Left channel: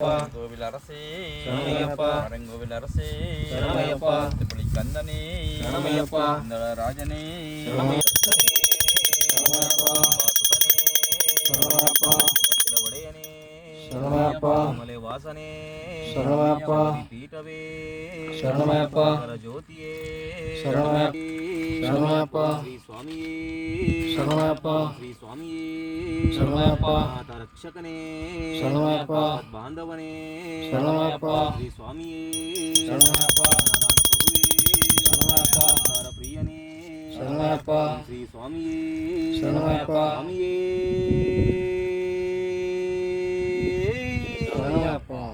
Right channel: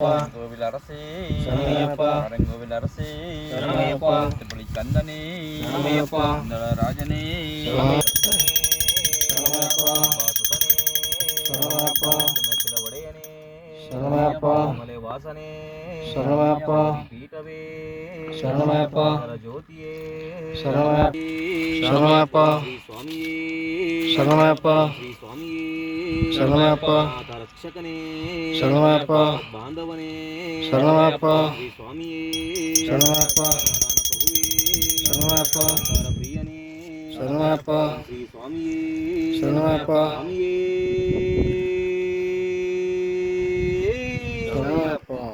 கோவிலரசே கோவிலரசே கந்தனே ராஜனே ಮಲೆ ವಾಸನೆ ಪೀಠವೇ ಜ್ಯೋತಿಯೇ ರಕ್ಷಕನೇ ಬಾಂಧವನೇ ಸ್ವಾಮಿಯೇ ಪ್ರಿಯನೇ ಶ್ರೀ ಸ್ವಾಮಿಯೇ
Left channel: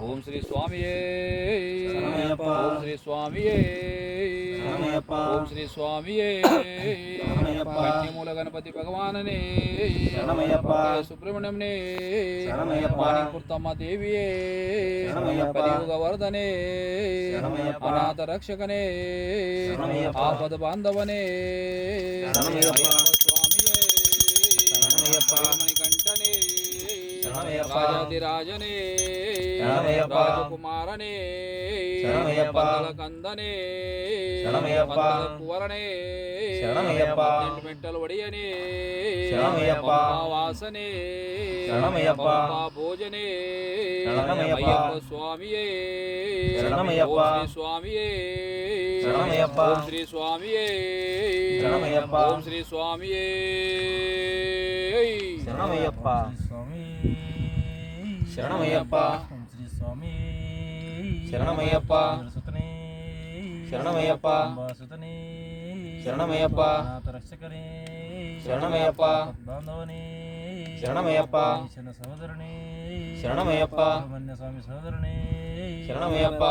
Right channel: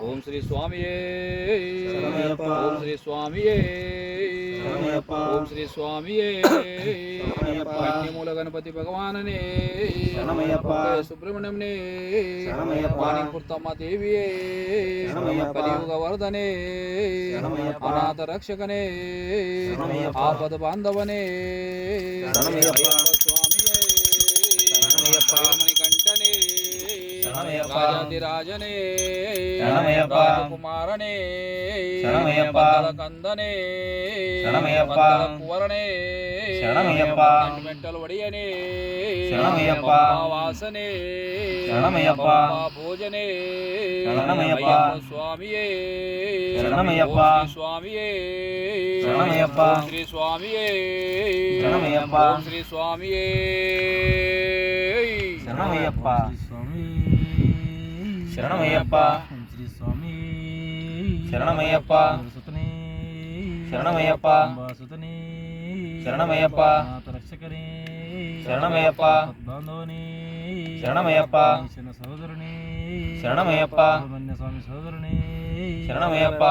ಓಂ ಶ್ರೀ ಸ್ವಾಮಿಯೇ ಓಂ ಶ್ರೀ ಸ್ವಾಮಿಯೇ ಓಂ ಶ್ರೀ ಸ್ವಾಮಿಯೇ ಮೂಲ ಗಣಪತಿ ಭಗವಾನನೇ ಸುಬ್ರಹ್ಮಣ್ಯಂನೇ ಕುರ್ತಮ್ಮ ದೇವಿಯೇ ವರ್ಧನೆ ಅನಾಥ ರಕ್ಷಕನೇ ಆಪದ ಬಾಂಧವನೇ ಕಂಠನೇ ರಾಜನೇ ಕುಮಾರನೇ ಕಂದನೇ ಕುವರನೇ ಮೆಟ್ಟಲು ಒಡೆಯನೇ ವಾಸನೆ ಭೋಜನೆ ಸ್ವಾಮಿಯೇ ಸ್ವಾಮಿಯೇ ಶ್ರೀ ಸ್ವಾಮಿಯೇ ಶ್ರೀ ಸ್ವಾಮಿಯೇ ಶರಣಮಯ್ಯಪ್ಪ ಶರಣಮಯ್ಯಪ್ಪ ಶ್ರೀ ಸ್ವಾಮಿ ಶರಣಮಯ್ಯಪ್ಪ ಶರಣಮಯ್ಯಪ್ಪ ಸುತನೇ ಶರಣಮಯ್ಯಪ್ಪ ರಕ್ಷಕನೇ ಶರಣಮಯ್ಯಪ್ಪ ಬಾಂಧವನೇ ಶರಣಮಯ್ಯಪ್ಪ ಸಹೋದರನೇ ಶರಣಮಯ್ಯಪ್ಪ ಸ್ವಾಮಿ ಸಹೋದರನೇ ಶರಣಮಯ್ಯಪ್ಪ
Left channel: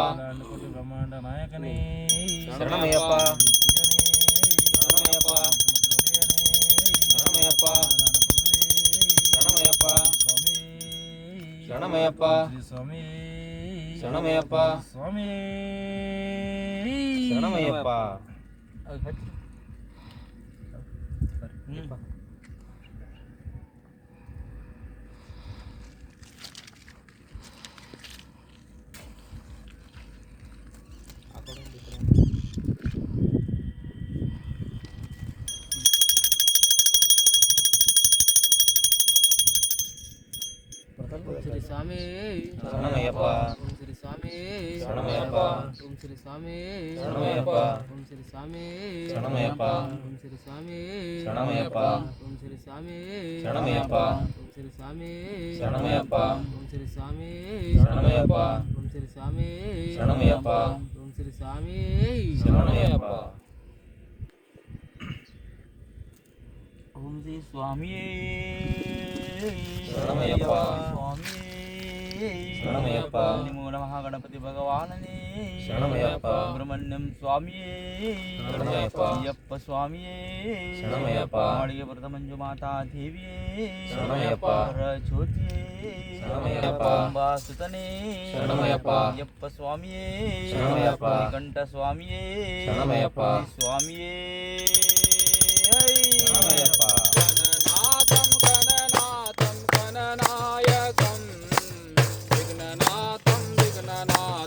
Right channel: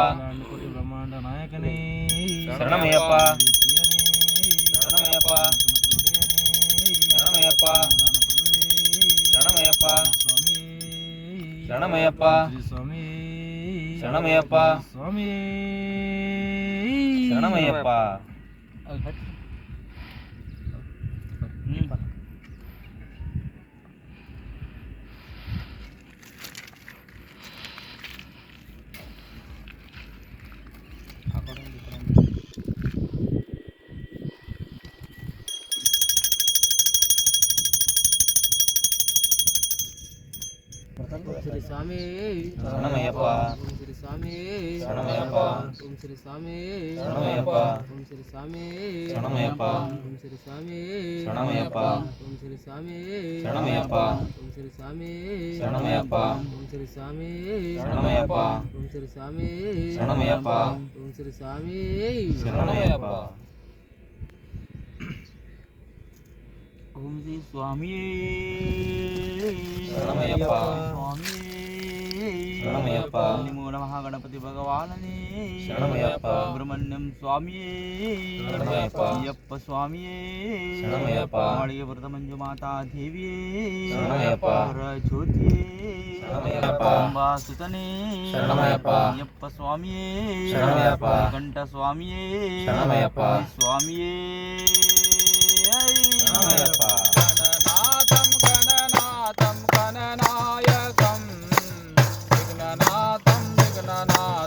ಕೋಟಿ ಬ್ರಹ್ಮಾಂಡ ನಾಯಕನೇ ಶರಣಮಯ್ಯಪ್ಪ ಶರಣಮಯ್ಯಪ್ಪ ಶರಣಮಯ್ಯಪ್ಪ ಶರಣಮಯ್ಯಪ್ಪ ಶರಣಮಯ್ಯಪ್ಪ ಸ್ವಾಮಿ ಶರಣಮಯ್ಯಪ್ಪ ಸ್ವಾಮಿ ಶರಣಮಯ್ಯಪ್ಪ ಶ್ರೀ ಸ್ವಾಮಿ ಶರಣಮಯ್ಯಪ್ಪ ಶ್ರೀ ಸ್ವಾಮಿ ಶರಣಮಯ್ಯಪ್ಪ ಶ್ರೀ ಸ್ವಾಮಿ ಶರಣಮಯ್ಯಪ್ಪ ಶ್ರೀ ಸ್ವಾಮಿ ಶರಣಮಯ್ಯಪ್ಪ ಶ್ರೀ ಸ್ವಾಮಿ ಶರಣಮಯ್ಯಪ್ಪ ಶ್ರೀ ಸ್ವಾಮಿ ಶರಣಮಯ್ಯಪ್ಪ ಶ್ರೀ ಸ್ವಾಮಿ ಶರಣಮಯ್ಯಪ್ಪ ಶ್ರೀ ಸ್ವಾಮಿ ಶರಣಮಯ್ಯಪ್ಪ ಶ್ರೀ ಸ್ವಾಮಿ ಶರಣಮಯ್ಯಪ್ಪ ಶ್ರೀ ಸ್ವಾಮಿ ಶರಣಮಯ್ಯಪ್ಪ ಓಂ ಶ್ರೀ ಸ್ವಾಮಿಯೇ ಶರಣಮಯ್ಯಪ್ಪ ಶರಣಮಯ್ಯಪ್ಪ ಮೂಲ ಮಹಾಗಣಪತಿ ಭಗವಾನನೇ ಶರಣಮಯ್ಯಪ್ಪ ಸುಬ್ರಹ್ಮಣ್ಯಂ ಸ್ವಾಮಿಯೇ ಶರಣಮಯ್ಯಪ್ಪ ಅಯ್ಯಪ್ಪ ಸ್ವಾಮಿಯೇ ಶರಣಮಯ್ಯಪ್ಪ ಮಾಳಿಗೆ ಬರದ ಮಂಜು ಮಾತಾ ದೇವಿಯೇ ಶರಣಮಯ್ಯಪ್ಪ ಜ್ಯೋತಿಯೇ ಶರಣಮಯ್ಯಪ್ಪ ಅಂಬಾ ಸುತನೇ ಶರಣಮಯ್ಯಪ್ಪ ಅಯ್ಯಪ್ಪ ಸ್ವಾಮಿಯೇ ಶರಣಮಯ್ಯಪ್ಪ ಕಂಠ ಸ್ವಾಮಿಯೇ ಶರಣಮಯ್ಯಪ್ಪ ಸ್ವಾಮಿಯೇ ಶರಣಮಯ್ಯಪ್ಪ ಗಣನಾಥಂ ಗಣನಾಯಕಂ ವಿಘ್ನನಾಥಂ ವಿಘ್ನನಾಯಕಂ